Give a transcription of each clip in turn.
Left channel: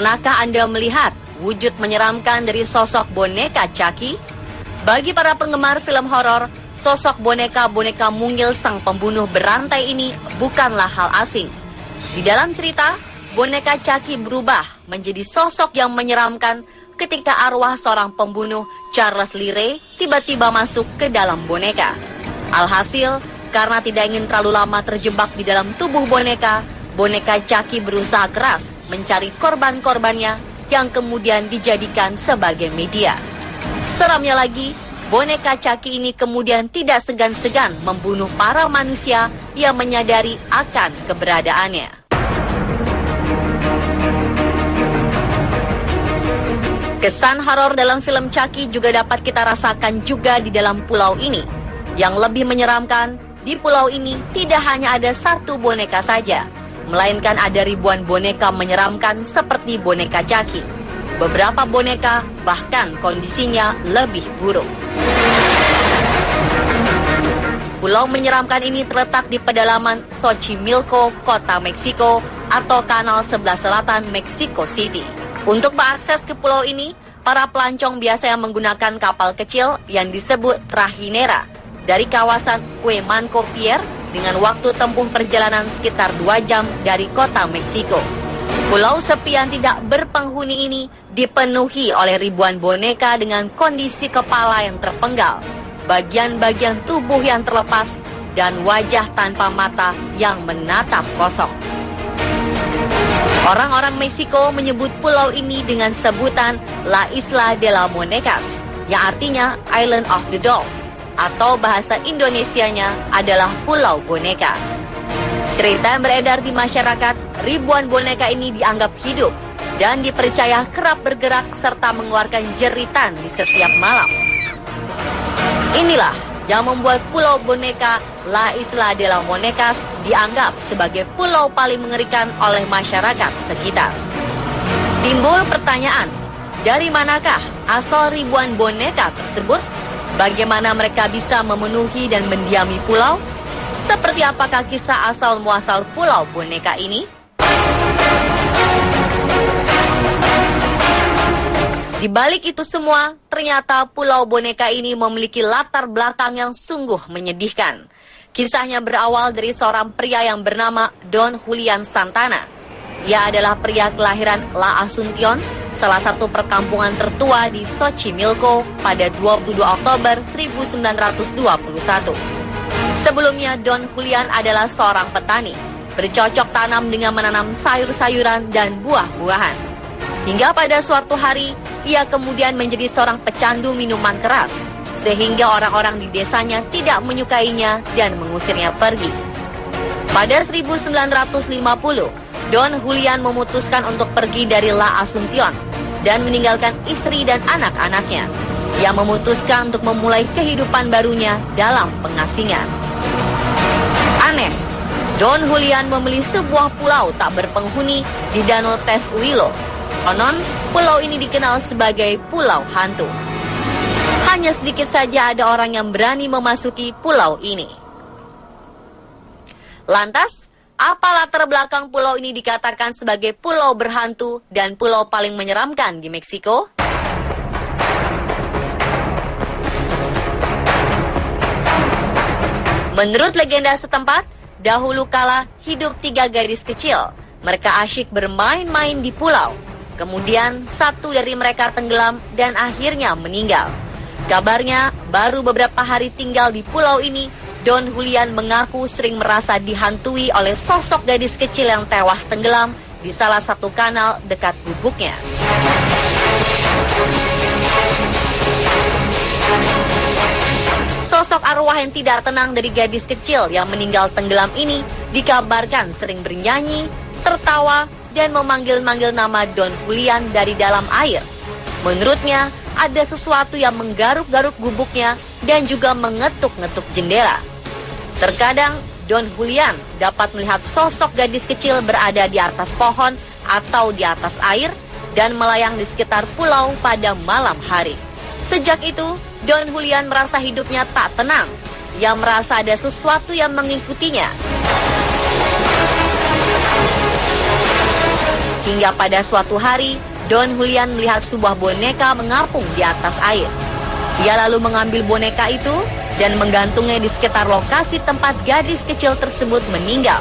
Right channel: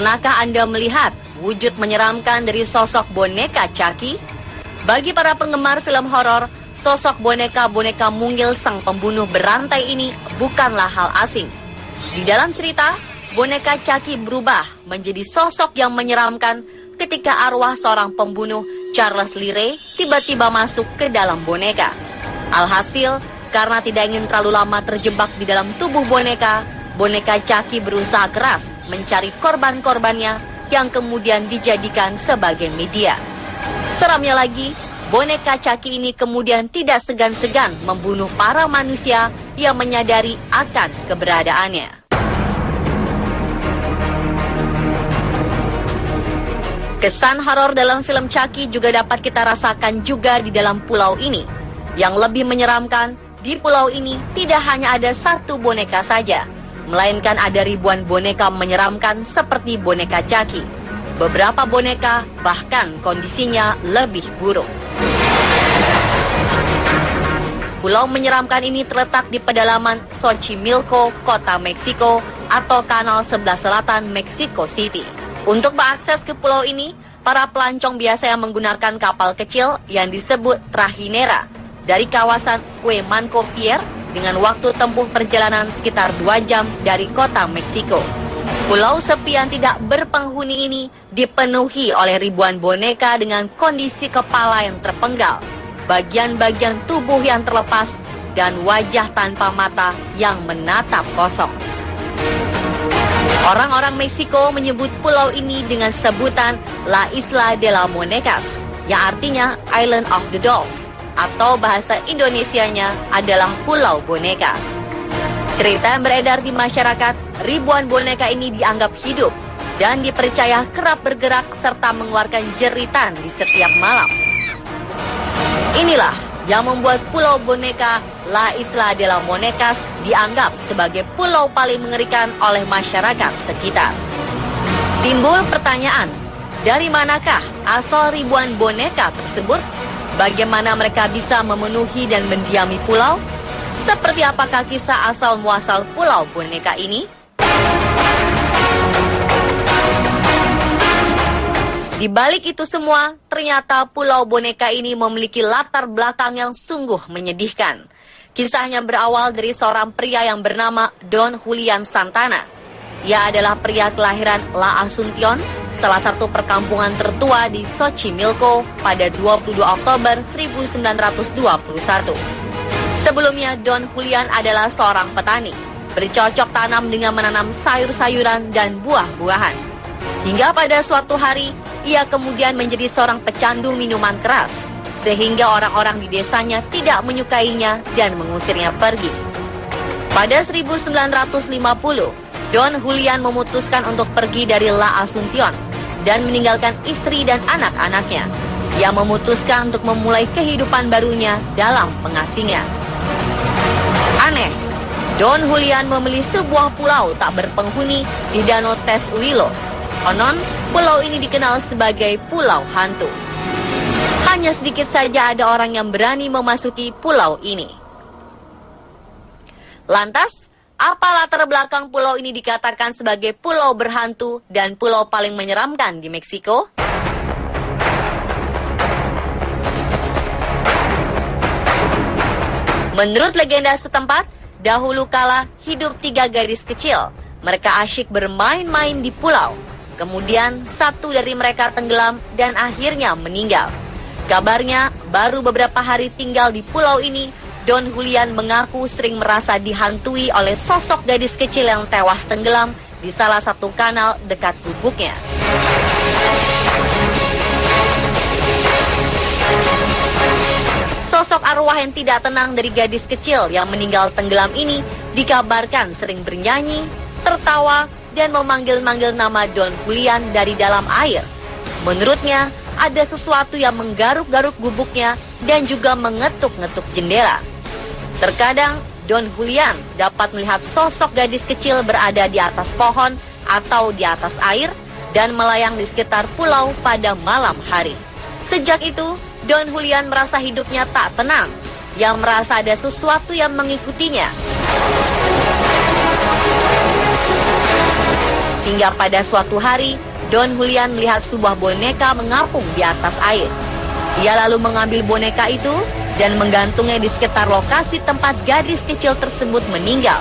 Pernahkah Anda melihat wujud menyeramkan dari sosok boneka Chucky? Bagi para penggemar film horor, sosok boneka-boneka mungil sang pembunuh berantai ini bukanlah hal asing. Di dalam cerita, boneka Chucky berubah menjadi sosok yang menyeramkan ketika arwah seorang pembunuh, Charles Lee Ray, tiba-tiba masuk ke dalam boneka. Alhasil, karena tidak ingin terlalu lama terjebak di dalam tubuh boneka, boneka Chucky berusaha keras mencari korban-korbannya yang kemudian dijadikan sebagai media. Seramnya lagi, boneka Chucky ini kemudian tidak segan-segan membunuh para manusia yang menyadari akan keberadaannya. Kesan horor dalam film Chucky juga dapat kita rasakan juga di dalam pulau ini. Yang lebih menyeramkan, di pulau ini tidak hanya ada satu boneka saja, melainkan ada ribuan boneka menyeramkan seperti boneka Chucky. Beberapa boneka bahkan kondisinya lebih buruk. Pulau menyeramkan ini terletak di pedalaman Xochimilco, kota Meksiko, atau Kanal Sebelah Selatan, Mexico City. Untuk mengakses ke pulau ini, para pelancong biasanya menggunakan kapal kecil yang disebut trajinera dari kawasan Cuemanco Pier dengan waktu tempuh perjalanan sekitar 2 jam dari kota Meksiko. Pulau sepi yang tidak berpenghuni ini dipenuhi oleh ribuan boneka dengan kondisi kepala yang terpenggal, bagian-bagian tubuh yang terlepas, dan wajah tanpa mata yang menatap kosong. Orang-orang Meksiko menyebut pulau ini dengan sebutan La Isla de la Monecas, yang artinya Island of the Dolls, atau bahasa Indonesianya adalah Pulau Boneka. Cerita yang beredar di masyarakat, ribuan boneka ini dianggap hidup dan dipercaya kerap bergerak serta mengeluarkan jeritan di setiap malam. Inilah yang membuat Pulau Boneka La Isla de la Monecas dianggap sebagai pulau paling mengerikan oleh masyarakat sekitar. Timbul pertanyaan, dari manakah asal ribuan boneka tersebut? Bagaimana mereka bisa memenuhi dan mendiami pulau? Seperti apakah kisah asal-muasal Pulau Boneka ini? Di balik itu semua, ternyata Pulau Boneka ini memiliki latar belakang yang sungguh menyedihkan. Kisahnya berawal dari seorang pria yang bernama Don Julian Santana. Ia adalah pria kelahiran La Asuncion, salah satu perkampungan tertua di Xochimilco pada 20 Oktober 1921. Sebelumnya, Don Julian adalah seorang petani, bercocok tanam dengan menanam sayur-sayuran dan buah-buahan. Hingga pada suatu hari, ia kemudian menjadi seorang pecandu minuman keras, sehingga orang-orang di desanya tidak menyukainya dan mengusirnya pergi. Pada 1950, Don Julian memutuskan untuk pergi dari La Asuncion dan meninggalkan istri dan anak-anaknya. Ia memutuskan untuk memulai kehidupan barunya dalam pengasingan. Aneh, Don Julian memilih sebuah pulau tak berpenghuni di Danau Tesuilo. Konon, pulau ini dikenal sebagai Pulau Hantu. Hanya sedikit saja ada orang yang berani memasuki pulau ini. Lantas, apa latar belakang pulau ini dikatakan sebagai pulau berhantu dan pulau paling menyeramkan di Meksiko? Menurut legenda setempat, dahulu kala hidup 3 gadis kecil. Mereka asyik bermain-main di pulau. Kemudian satu dari mereka tenggelam dan akhirnya meninggal. Kabarnya, baru beberapa hari tinggal di pulau ini, Don Julian mengaku sering merasa dihantui oleh sosok gadis kecil yang tewas tenggelam di salah satu kanal dekat gubuknya. Sosok arwah yang tidak tenang dari gadis kecil yang meninggal tenggelam ini dikabarkan sering bernyanyi, tertawa, dan memanggil-manggil nama Don Julian dari dalam air. Menurutnya, ada sesuatu yang menggaruk-garuk gubuknya dan juga mengetuk-ngetuk jendela. Terkadang, Don Julian dapat melihat sosok gadis kecil berada di atas pohon atau di atas air dan melayang di sekitar pulau pada malam hari. Sejak itu, Don Julian merasa hidupnya tak tenang. Ia merasa ada sesuatu yang mengikutinya. Hingga pada suatu hari, Don Julian melihat sebuah boneka mengapung di atas air. Ia lalu mengambil boneka itu dan menggantungnya di sekitar lokasi tempat gadis kecil tersebut meninggal.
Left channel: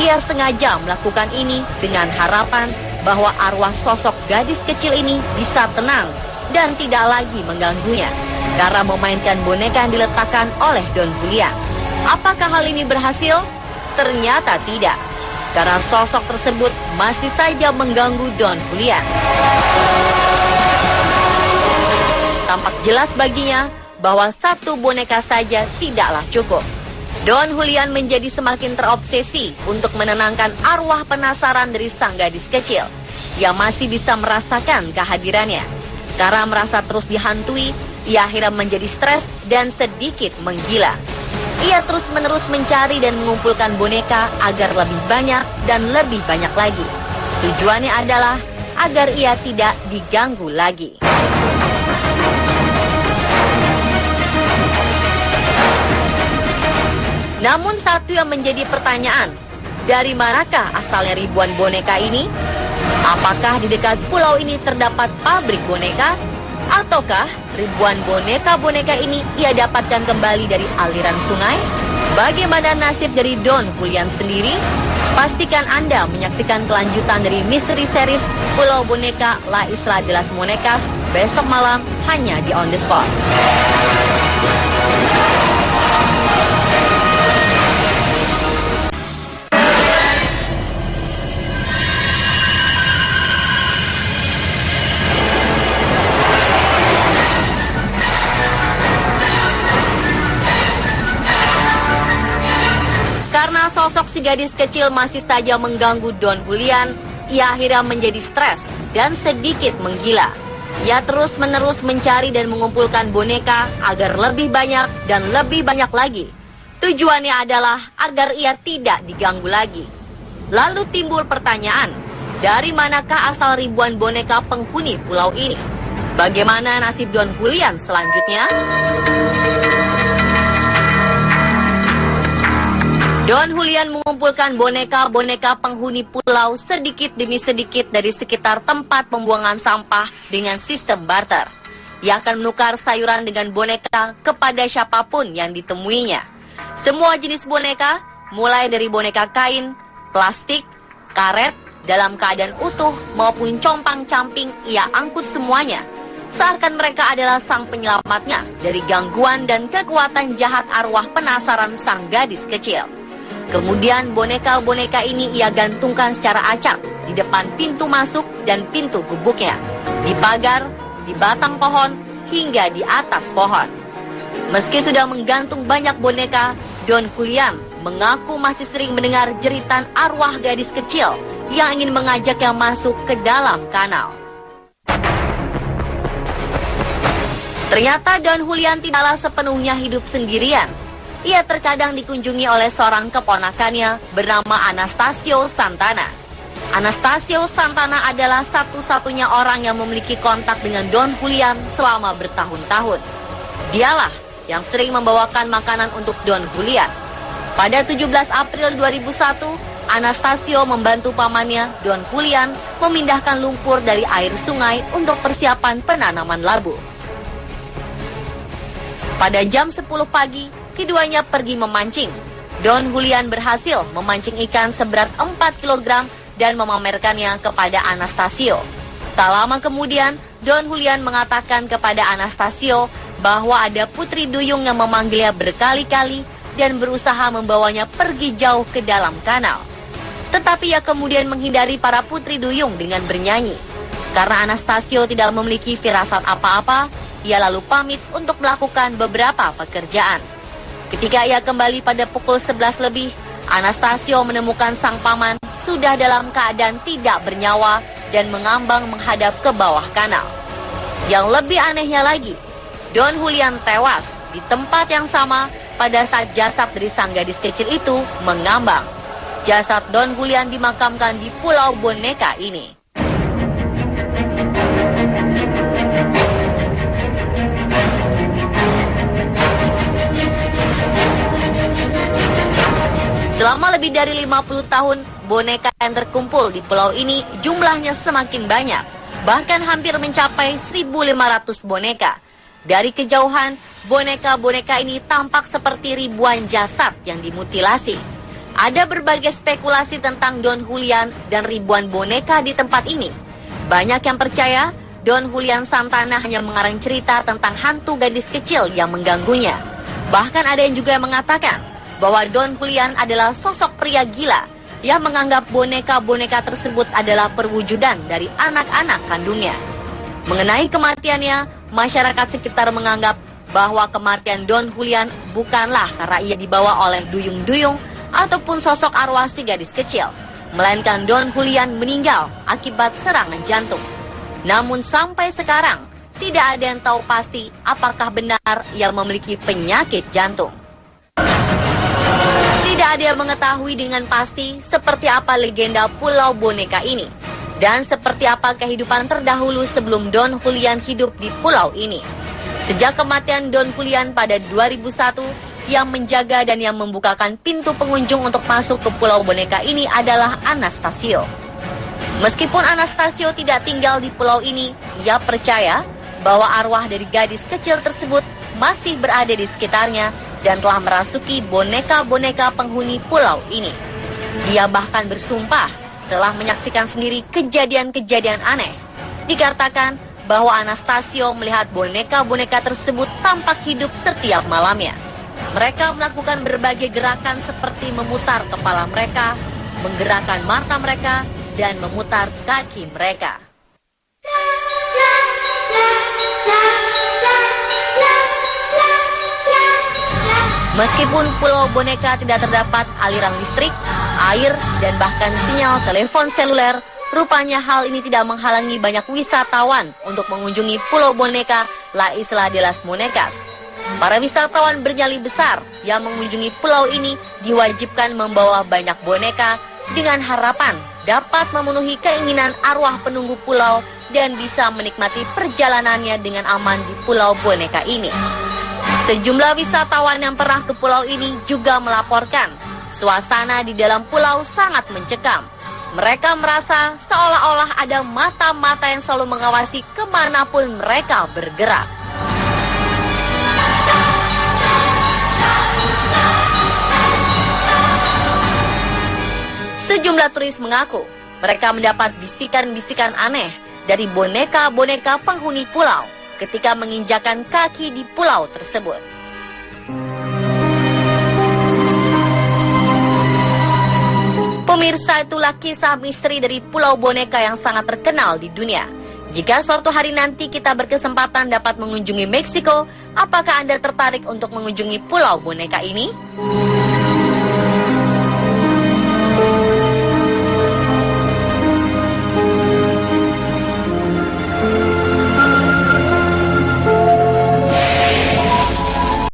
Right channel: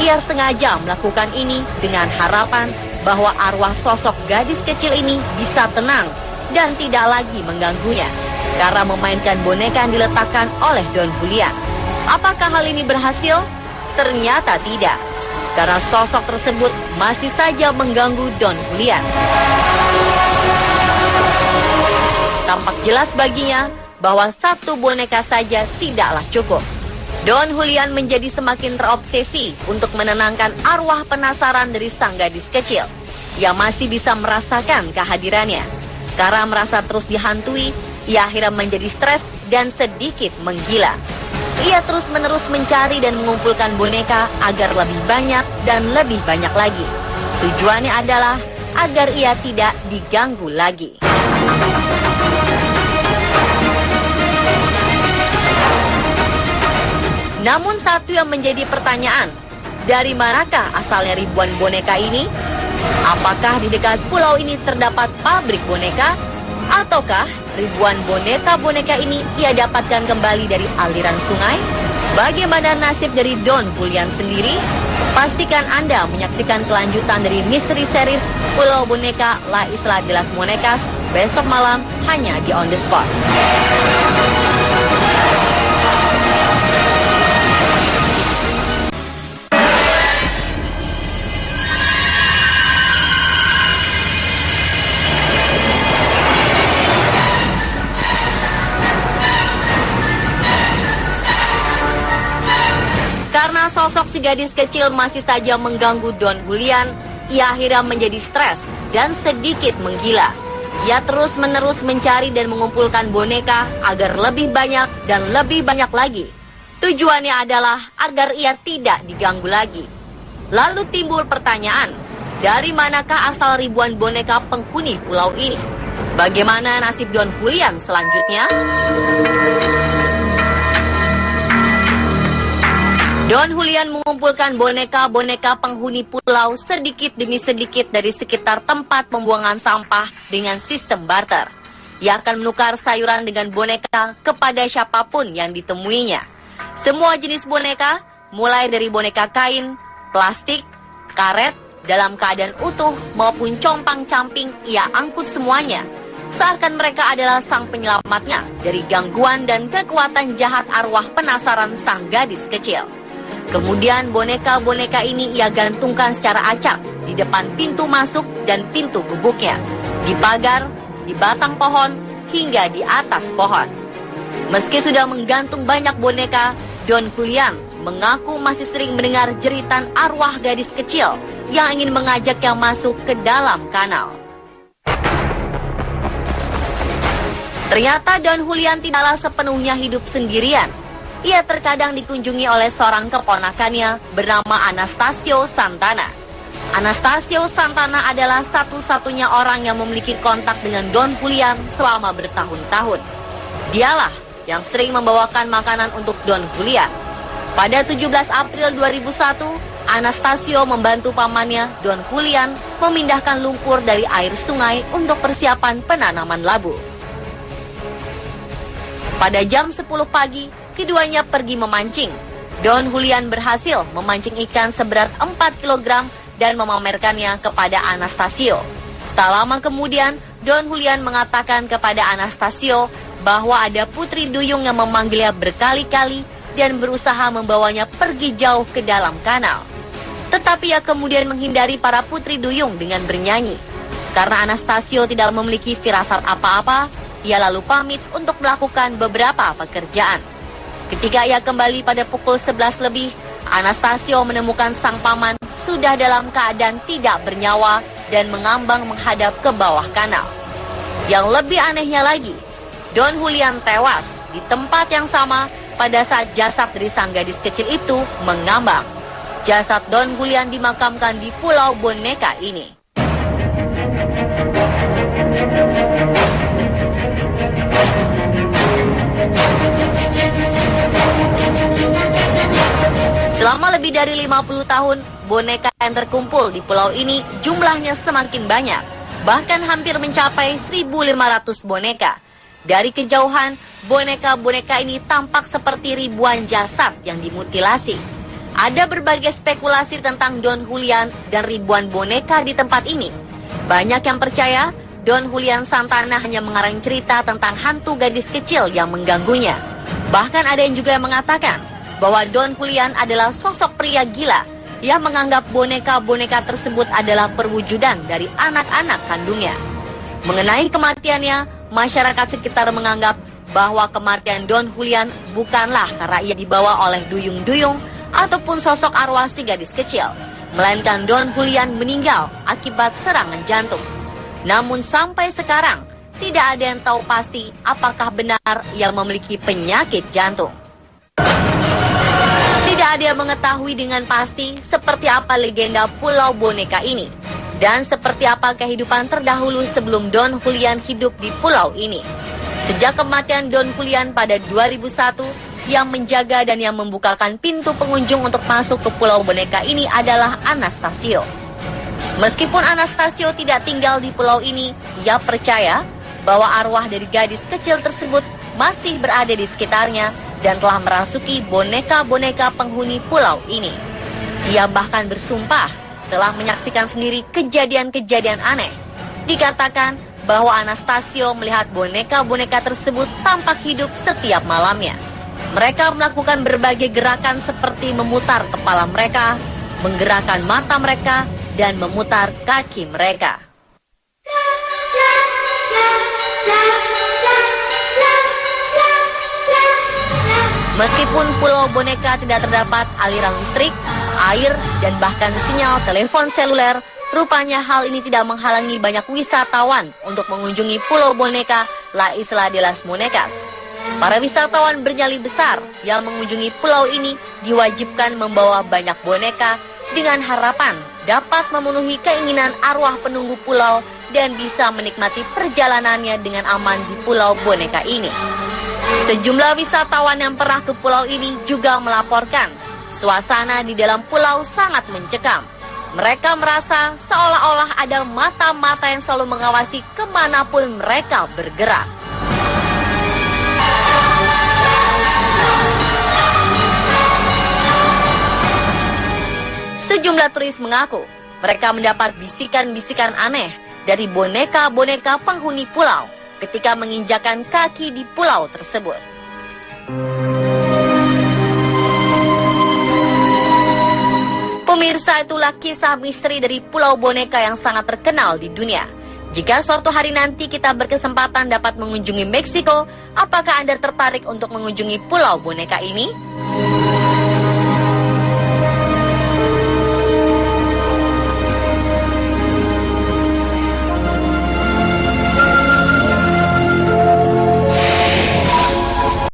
Ia sengaja melakukan ini dengan harapan bahwa arwah sosok gadis kecil ini bisa tenang dan tidak lagi mengganggunya karena memainkan boneka yang diletakkan oleh Don Julian. Apakah hal ini berhasil? Ternyata tidak, karena sosok tersebut masih saja mengganggu Don Julian. Tampak jelas baginya bahwa satu boneka saja tidaklah cukup. Don Julian menjadi semakin terobsesi untuk menenangkan arwah penasaran dari sang gadis kecil yang masih bisa merasakan kehadirannya. Karena merasa terus dihantui, ia akhirnya menjadi stres dan sedikit menggila. Ia terus-menerus mencari dan mengumpulkan boneka agar lebih banyak dan lebih banyak lagi. Tujuannya adalah agar ia tidak diganggu lagi. Namun satu yang menjadi pertanyaan, dari manakah asalnya ribuan boneka ini? Apakah di dekat pulau ini terdapat pabrik boneka? Ataukah ribuan boneka-boneka ini ia dapatkan kembali dari aliran sungai? Bagaimana nasib dari Don Julian sendiri? Pastikan Anda menyaksikan kelanjutan dari misteri series Pulau Boneka La Isla de las Monecas besok malam hanya di On The Spot. Sosok si gadis kecil masih saja mengganggu Don Julian. Ia akhirnya menjadi stres dan sedikit menggila. Ia terus-menerus mencari dan mengumpulkan boneka agar lebih banyak dan lebih banyak lagi. Tujuannya adalah agar ia tidak diganggu lagi. Lalu timbul pertanyaan, dari manakah asal ribuan boneka penghuni pulau ini? Bagaimana nasib Don Julian selanjutnya? Don Julian mengumpulkan boneka-boneka penghuni pulau sedikit demi sedikit dari sekitar tempat pembuangan sampah dengan sistem barter. Ia akan menukar sayuran dengan boneka kepada siapapun yang ditemuinya. Semua jenis boneka, mulai dari boneka kain, plastik, karet, dalam keadaan utuh maupun compang-camping, ia angkut semuanya. Seakan mereka adalah sang penyelamatnya dari gangguan dan kekuatan jahat arwah penasaran sang gadis kecil. Kemudian boneka-boneka ini ia gantungkan secara acak di depan pintu masuk dan pintu gubuknya, di pagar, di batang pohon, hingga di atas pohon. Meski sudah menggantung banyak boneka, Don Julian mengaku masih sering mendengar jeritan arwah gadis kecil yang ingin mengajaknya masuk ke dalam kanal. Ternyata Don Julian tidaklah sepenuhnya hidup sendirian. Ia terkadang dikunjungi oleh seorang keponakannya bernama Anastasio Santana. Anastasio Santana adalah satu-satunya orang yang memiliki kontak dengan Don Julian selama bertahun-tahun. Dialah yang sering membawakan makanan untuk Don Julian. Pada 17 April 2001, Anastasio membantu pamannya, Don Julian, memindahkan lumpur dari air sungai untuk persiapan penanaman labu. Pada jam 10 pagi, keduanya pergi memancing. Don Julian berhasil memancing ikan seberat 4 kg dan memamerkannya kepada Anastasio. Tak lama kemudian, Don Julian mengatakan kepada Anastasio bahwa ada putri duyung yang memanggilnya berkali-kali dan berusaha membawanya pergi jauh ke dalam kanal. Tetapi ia kemudian menghindari para putri duyung dengan bernyanyi. Karena Anastasio tidak memiliki firasat apa-apa, ia lalu pamit untuk melakukan beberapa pekerjaan. Ketika ia kembali pada pukul 11 lebih, Anastasio menemukan sang paman sudah dalam keadaan tidak bernyawa dan mengambang menghadap ke bawah kanal. Yang lebih anehnya lagi, Don Julian tewas di tempat yang sama pada saat jasad dari sang gadis kecil itu mengambang. Jasad Don Julian dimakamkan di Pulau Boneka ini. Selama lebih dari 50 tahun, boneka yang terkumpul di pulau ini jumlahnya semakin banyak, bahkan hampir mencapai 1.500 boneka. Dari kejauhan, boneka-boneka ini tampak seperti ribuan jasad yang dimutilasi. Ada berbagai spekulasi tentang Don Julian dan ribuan boneka di tempat ini. Banyak yang percaya Don Julian Santana hanya mengarang cerita tentang hantu gadis kecil yang mengganggunya. Bahkan ada yang juga mengatakan bahwa Don Julian adalah sosok pria gila yang menganggap boneka-boneka tersebut adalah perwujudan dari anak-anak kandungnya. Mengenai kematiannya, masyarakat sekitar menganggap bahwa kematian Don Julian bukanlah karena ia dibawa oleh duyung-duyung ataupun sosok arwah si gadis kecil, melainkan Don Julian meninggal akibat serangan jantung. Namun sampai sekarang, tidak ada yang tahu pasti apakah benar ia memiliki penyakit jantung. Tidak ada yang mengetahui dengan pasti seperti apa legenda Pulau Boneka ini dan seperti apa kehidupan terdahulu sebelum Don Julian hidup di pulau ini. Sejak kematian Don Julian pada 2001, yang menjaga dan yang membukakan pintu pengunjung untuk masuk ke Pulau Boneka ini adalah Anastasio. Meskipun Anastasio tidak tinggal di pulau ini, ia percaya bahwa arwah dari gadis kecil tersebut masih berada di sekitarnya dan telah merasuki boneka-boneka penghuni pulau ini. Ia bahkan bersumpah telah menyaksikan sendiri kejadian-kejadian aneh. Dikatakan bahwa Anastasio melihat boneka-boneka tersebut tampak hidup setiap malamnya. Mereka melakukan berbagai gerakan seperti memutar kepala mereka, menggerakkan mata mereka, dan memutar kaki mereka. Meskipun Pulau Boneka tidak terdapat aliran listrik, air, dan bahkan sinyal telepon seluler, rupanya hal ini tidak menghalangi banyak wisatawan untuk mengunjungi Pulau Boneka, La Isla de las Monecas. Para wisatawan bernyali besar yang mengunjungi pulau ini diwajibkan membawa banyak boneka dengan harapan dapat memenuhi keinginan arwah penunggu pulau dan bisa menikmati perjalanannya dengan aman di Pulau Boneka ini. Sejumlah wisatawan yang pernah ke pulau ini juga melaporkan suasana di dalam pulau sangat mencekam. Mereka merasa seolah-olah ada mata-mata yang selalu mengawasi kemanapun mereka bergerak. Sejumlah turis mengaku mereka mendapat bisikan-bisikan aneh dari boneka-boneka penghuni pulau ketika menginjakan kaki di pulau tersebut. Pemirsa, itulah kisah misteri dari Pulau Boneka yang sangat terkenal di dunia. Jika suatu hari nanti kita berkesempatan dapat mengunjungi Meksiko, apakah Anda tertarik untuk mengunjungi Pulau Boneka ini?